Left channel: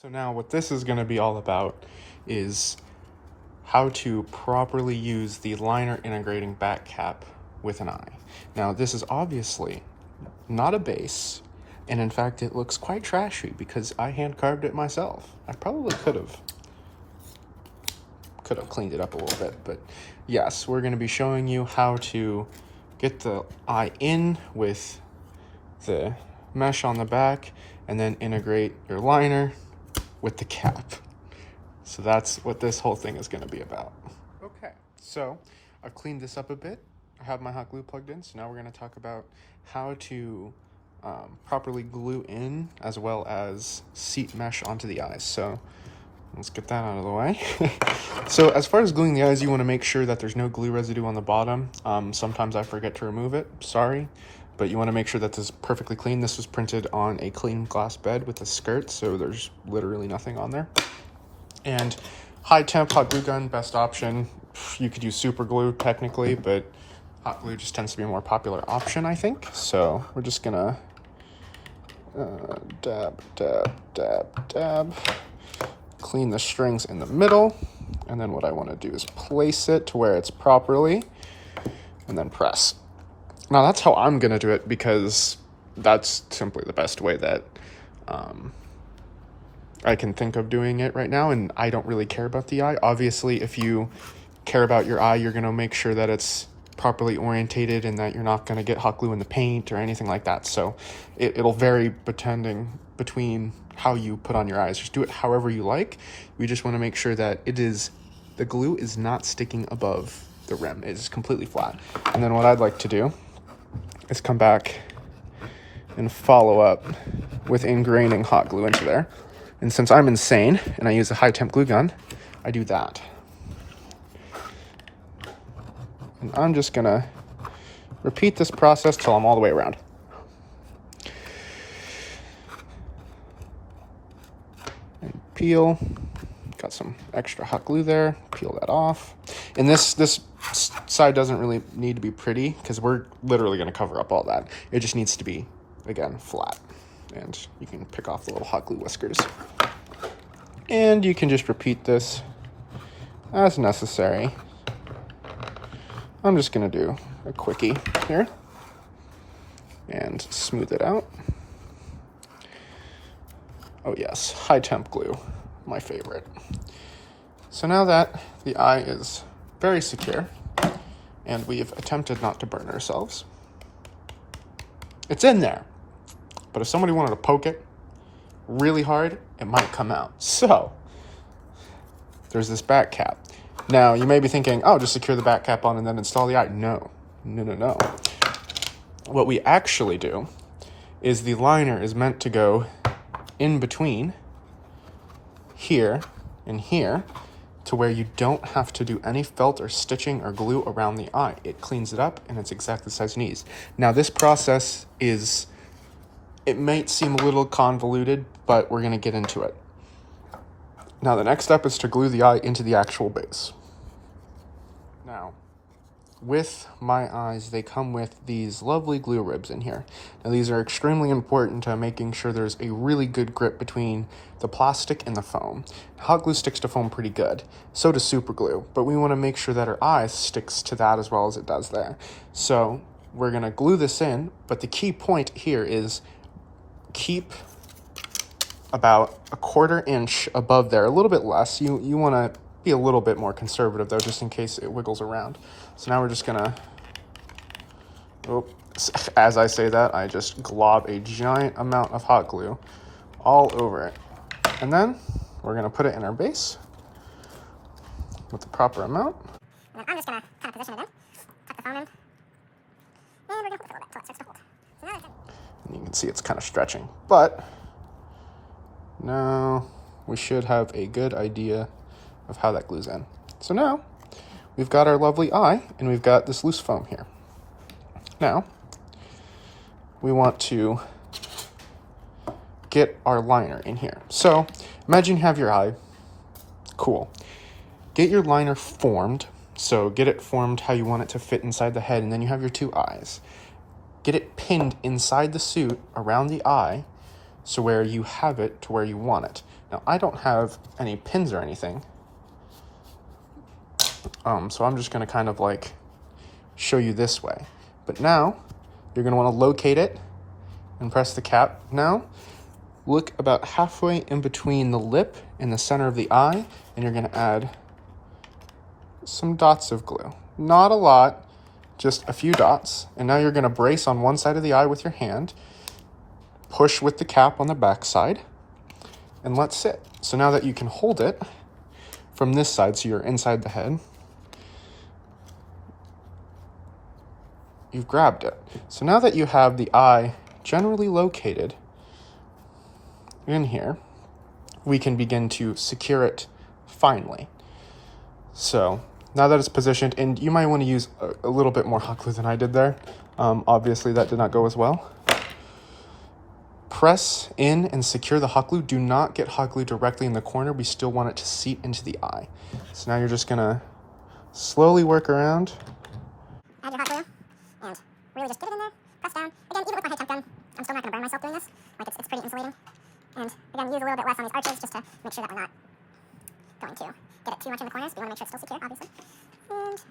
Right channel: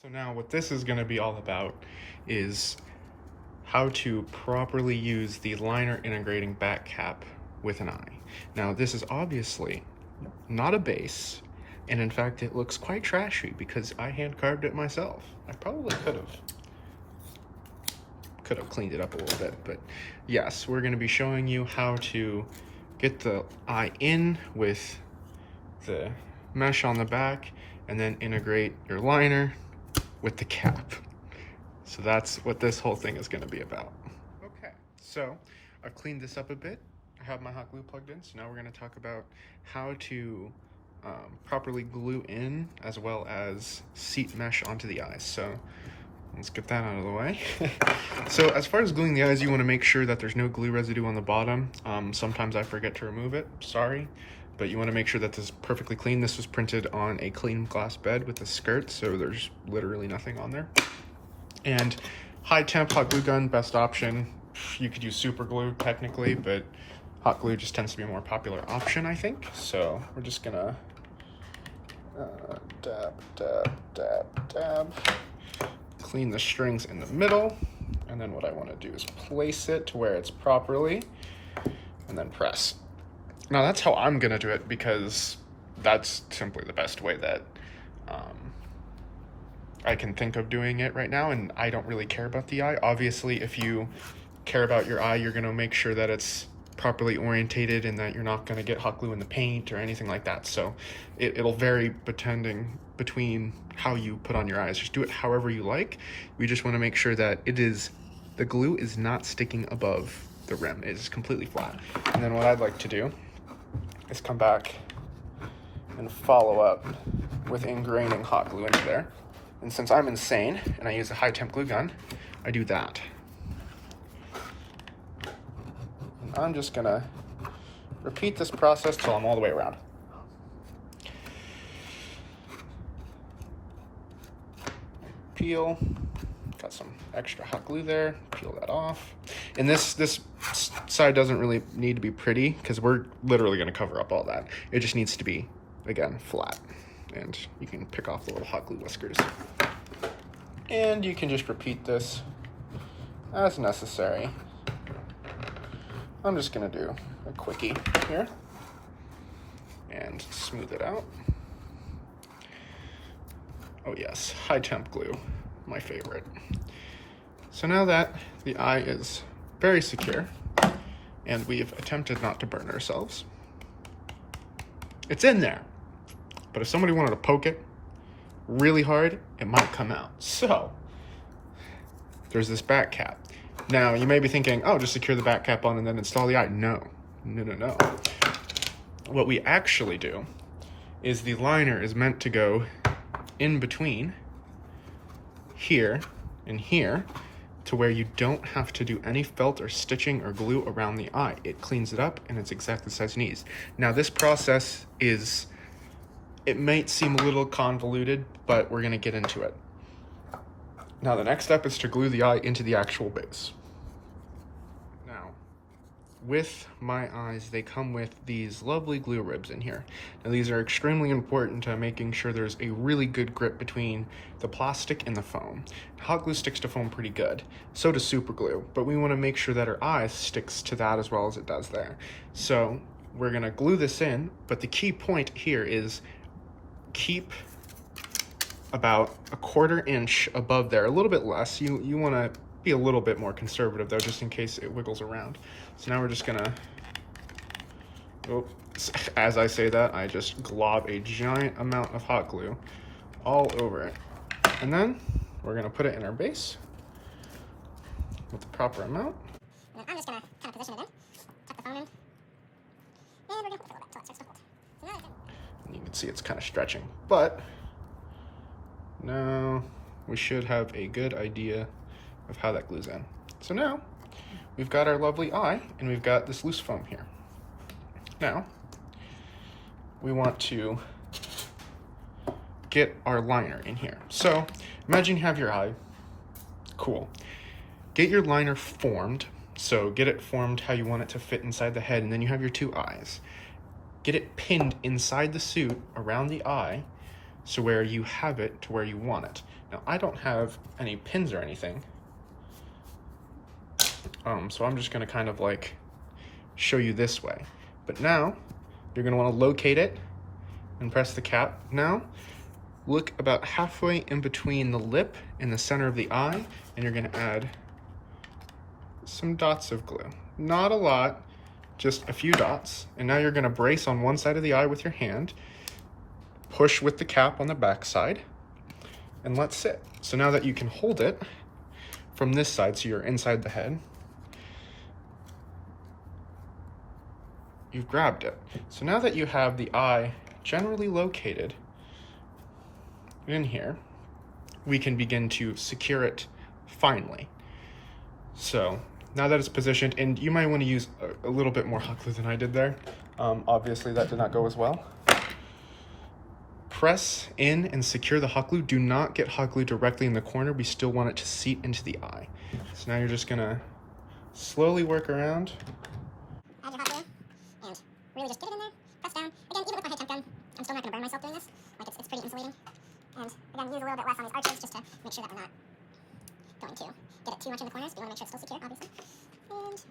So now what this is going to be all about is how to properly use the liner integrating back cap with an eye. Now this is obviously not a base, and in fact it looks quite trashy because I hand carved it myself. I probably could have cleaned it up a little bit, but yes, we're going to be showing you how to get the eye in with the mesh on the back and then integrate your liner with the cap. So that's what this whole thing is going to be about. Okay, so I've cleaned this up a bit. I have my hot glue plugged in, so now we're going to talk about how to properly glue in as well as seat mesh onto the eyes. So let's get that out of the way. So as far as gluing the eyes, you want to make sure that there's no glue residue on the bottom. Sometimes I forget to remove it, sorry. But you want to make sure that this is perfectly clean. This was printed on a clean glass bed with a skirt, so there's literally nothing on there. And high temp hot glue gun, best option. You could use super glue technically, but hot glue just tends to be a more popular option, I think. So we're just gonna dab, dab, dab, dab. Clean the strings in the middle. And then what I want to do is place it to where it's properly and then press. Now that's how I'm gonna do it because that's simply the best way that I can think of doing it right now, and I don't really care about the eye. Obviously, if you care about your eye, you're gonna make sure that it's properly orientated and that you're not gonna get hot glue in the paint or anything like that. So it'll vary between how you put on your eyes. Just do it however you like. We just wanna make sure that the glue is not sticking above the rim. It is completely flat. And then what I'd like to do is come back and follow up with ingraining hot glue into there. And since I'm insane and I use a high temp glue gun, I do that. And I'm just gonna repeat this process till I'm all the way around. And peel, got some extra hot glue there, peel that off. And this side doesn't really need to be pretty because we're literally gonna cover up all that. It just needs to be, again, flat. And you can pick off the little hot glue whiskers. And you can just repeat this as necessary. I'm just gonna do a quickie here and smooth it out. Oh yes, high temp glue, my favorite. So now that the eye is very secure and we've attempted not to burn ourselves, it's in there. But if somebody wanted to poke it really hard, it might come out. So there's this back cap. Now you may be thinking, oh, just secure the back cap on and then install the eye. No. What we actually do is the liner is meant to go in between here and here to where you don't have to do any felt or stitching or glue around the eye. It cleans it up and it's exactly the size it needs. Now this process it might seem a little convoluted, but we're gonna get into it. Now the next step is to glue the eye into the actual base. Now, with my eyes, they come with these lovely glue ribs in here. Now these are extremely important to making sure there's a really good grip between the plastic and the foam. Hot glue sticks to foam pretty good, so does super glue, but we wanna make sure that our eye sticks to that as well as it does there. So we're gonna glue this in, but the key point here is keep about a 1/4 inch above there, a little bit less. You wanna be a little bit more conservative though, just in case it wiggles around. So now we're just gonna, as I say that, I just glob a giant amount of hot glue all over it. And then we're gonna put it in our base with the proper amount. And then I'm just gonna kind of position it in, tuck the foam in, and we're gonna put it a little bit until it starts to hold. So now and you can see it's kind of stretching, but now we should have a good idea of how that glues in. So now we've got our lovely eye and we've got this loose foam here. Now we want to get our liner in here. So imagine you have your eye, cool. Get your liner formed. So get it formed how you want it to fit inside the head, and then you have your two eyes. Get it pinned inside the suit around the eye so where you have it to where you want it. Now, I don't have any pins or anything, so I'm just gonna kind of like show you this way. But now, you're gonna wanna locate it and press the cap. Now, look about halfway in between the lip and the center of the eye, and you're gonna add some dots of glue. Not a lot, just a few dots. And now you're gonna brace on one side of the eye with your hand, push with the cap on the back side, and let sit. So now that you can hold it from this side, so you're inside the head, you've grabbed it. So now that you have the eye generally located in here, we can begin to secure it finally. So now that it's positioned, and you might want to use a little bit more hot glue than I did there. Obviously that did not go as well. Press in and secure the hot glue. Do not get hot glue directly in the corner. We still want it to seat into the eye. So now you're just gonna slowly work around. Add your hot glue and really just get it in there, press down. Again, even with my high temp gun, I'm still not gonna burn myself doing this. Like it's pretty insulating. And again, use a little bit less on these arches just to make sure that we're not going to get it too much in the corners. We want to make sure it's still secure, obviously. And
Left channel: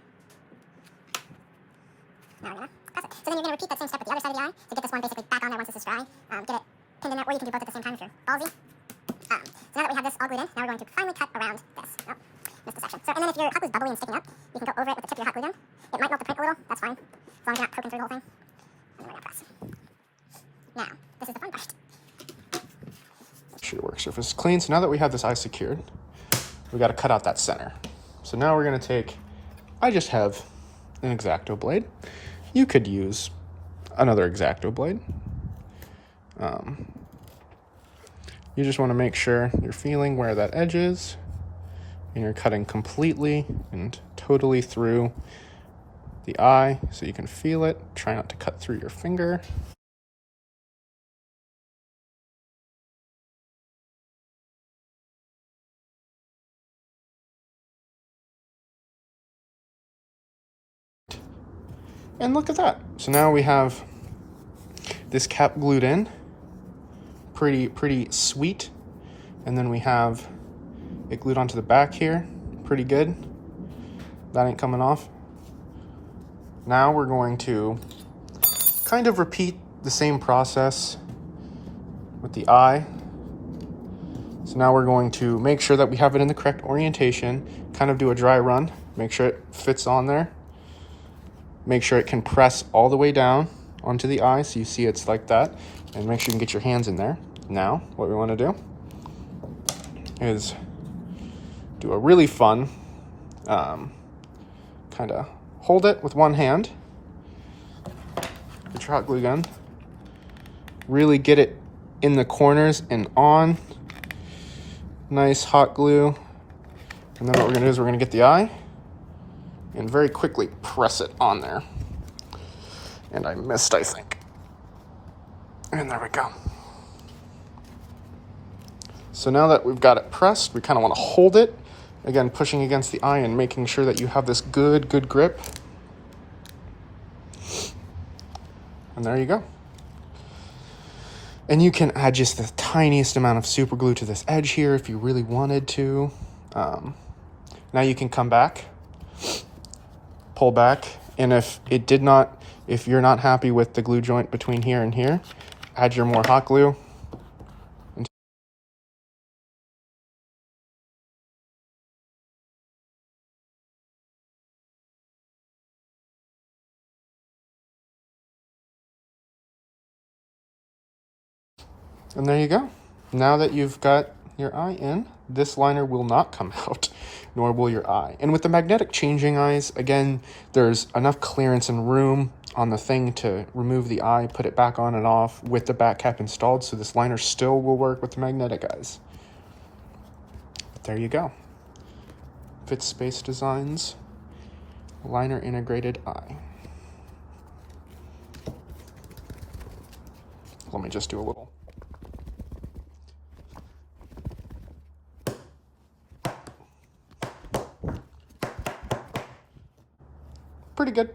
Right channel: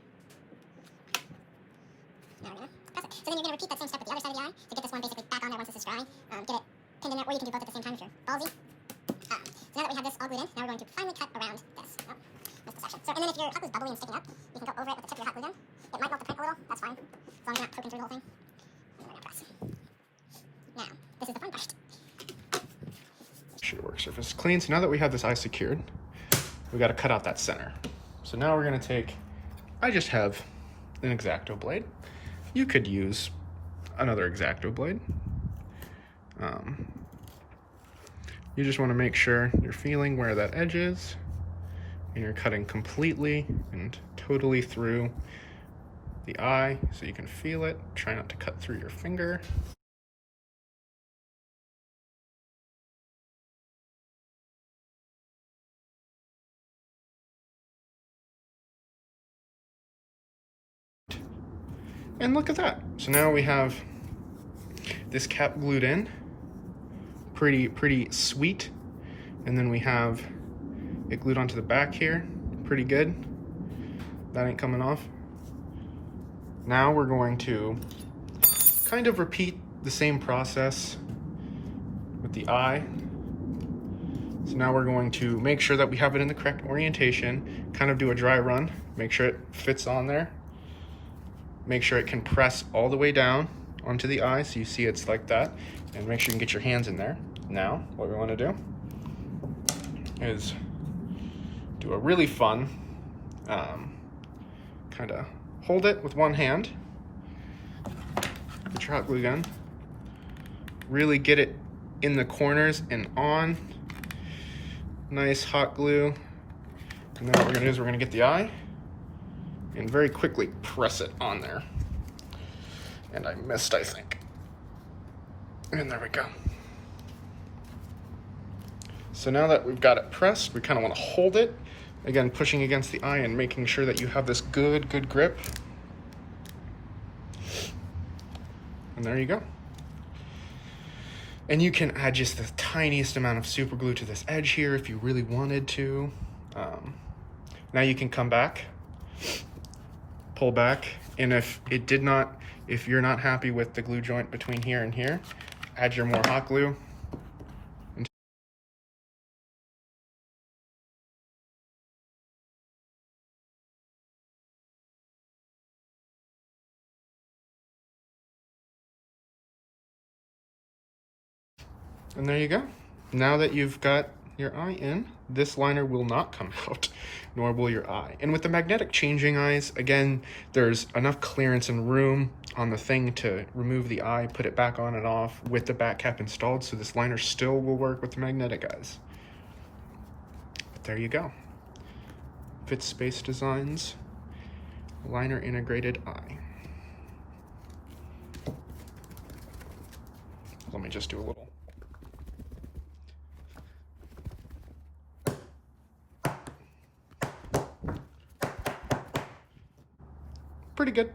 now we're gonna press it. So then you're gonna repeat that same step with the other side of the eye to get this one basically back on there once this is dry. Get it pinned in there, or you can do both at the same time if you're ballsy. So now that we have this all glued in, now we're going to finally cut around this. Oh, missed a section. So, and then if your hot glue is bubbly and sticking up, you can go over it with the tip of your hot glue gun. It might melt the print a little, that's fine. As long as you're not poking through the whole thing. And then we're gonna press. Now, this is the fun part. Make sure your work surface is clean. So now that we have this eye secured, we got to cut out that center. So now we're going to take, I just have an X-Acto blade. You could use another X-Acto blade. You just want to make sure you're feeling where that edge is, and you're cutting completely and totally through the eye so you can feel it. Try not to cut through your finger. And look at that. So now we have this cap glued in. Pretty sweet. And then we have it glued onto the back here. Pretty good. That ain't coming off. Now we're going to kind of repeat the same process with the eye. So now we're going to make sure that we have it in the correct orientation, kind of do a dry run, make sure it fits on there. Make sure it can press all the way down onto the eye so you see it's like that, and make sure you can get your hands in there. Now, what we want to do is do a really fun, kind of hold it with one hand, get your hot glue gun, really get it in the corners and on, nice hot glue, and then what we're going to do is we're going to get the eye, and very quickly press it on there. And I missed, I think. And there we go. So now that we've got it pressed, we kind of want to hold it. Again, pushing against the eye and making sure that you have this good grip. And there you go. And you can add just the tiniest amount of super glue to this edge here if you really wanted to. Now you can come back, pull back, and if you're not happy with the glue joint between here and here, add your more hot glue. And there you go. Now that you've got your eye in, this liner will not come out, nor will your eye. And with the magnetic changing eyes, again, there's enough clearance and room on the thing to remove the eye, put it back on and off with the back cap installed, so this liner still will work with the magnetic eyes. But there you go. Fit Space Designs liner integrated eye. Let me just do a little. Pretty good.